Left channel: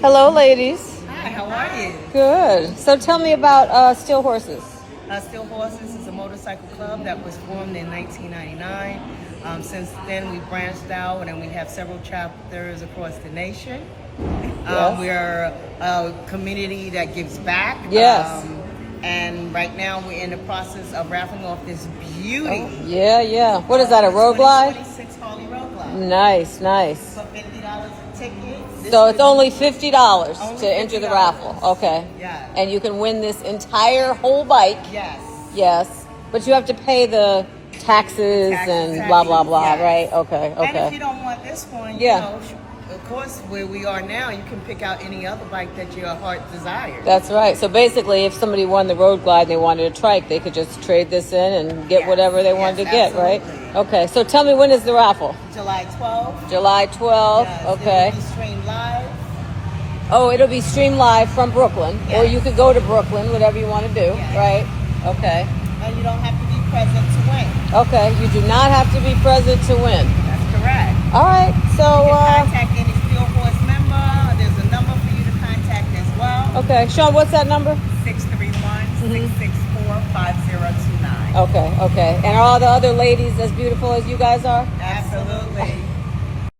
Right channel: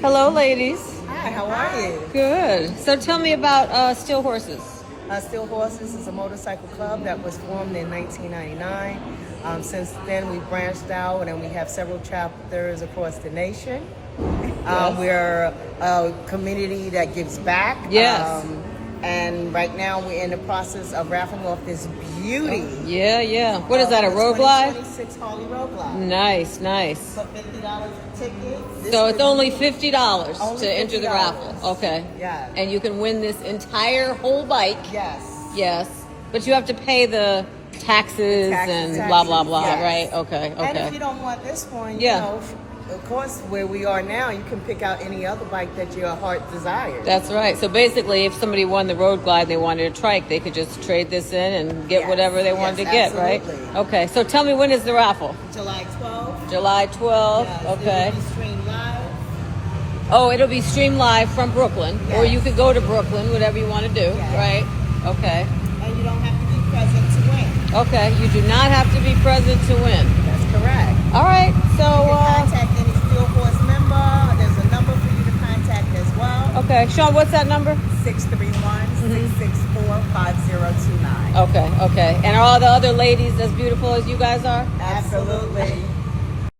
Hello, ladies. Hi, how are you? Good. So tell me about Steel Horses. Steel Horses is a motorcycle club that was formed in 1999. Since then, we branched out and we have several chapters across the nation. Yes. We're a community that gives back. Yes. And right now, we're in the process of raffling off this beauty. Yeah. What is that, a road glide? 2026 Harley Road Glide. Nice. For $50 a ticket. So it's only $50 Only to enter the $50. raffle. Okay. Yeah. And you can win this entire whole bike. Yes. Yes. But you have to pay the taxes and blah, blah, blah, yes. right? Okay. And if you don't want this one, you know, of course, where we are now, you can pick out any other bike that your heart desires. That's right. So basically, if somebody won the road glide and they wanted a trike, they could just trade this in and get whatever they wanted to get, absolutely. right? Okay. So tell me, when is the raffle? July 12th. July 12th. Yes, Okay. It will be streamed live. Oh, it'll be streamed live from Brooklyn, or you could go to Brooklyn, whatever you want to do, right? Okay. And you don't have to be present to win. Okay. You do not have to be present to win. That's correct. All right. So You can contact any Steel Horse member. There's a number for you to contact as well. okay, Sean, what's that number? 631-664-5029. Okay. And are all the other ladies as beautiful as you guys are? Absolutely.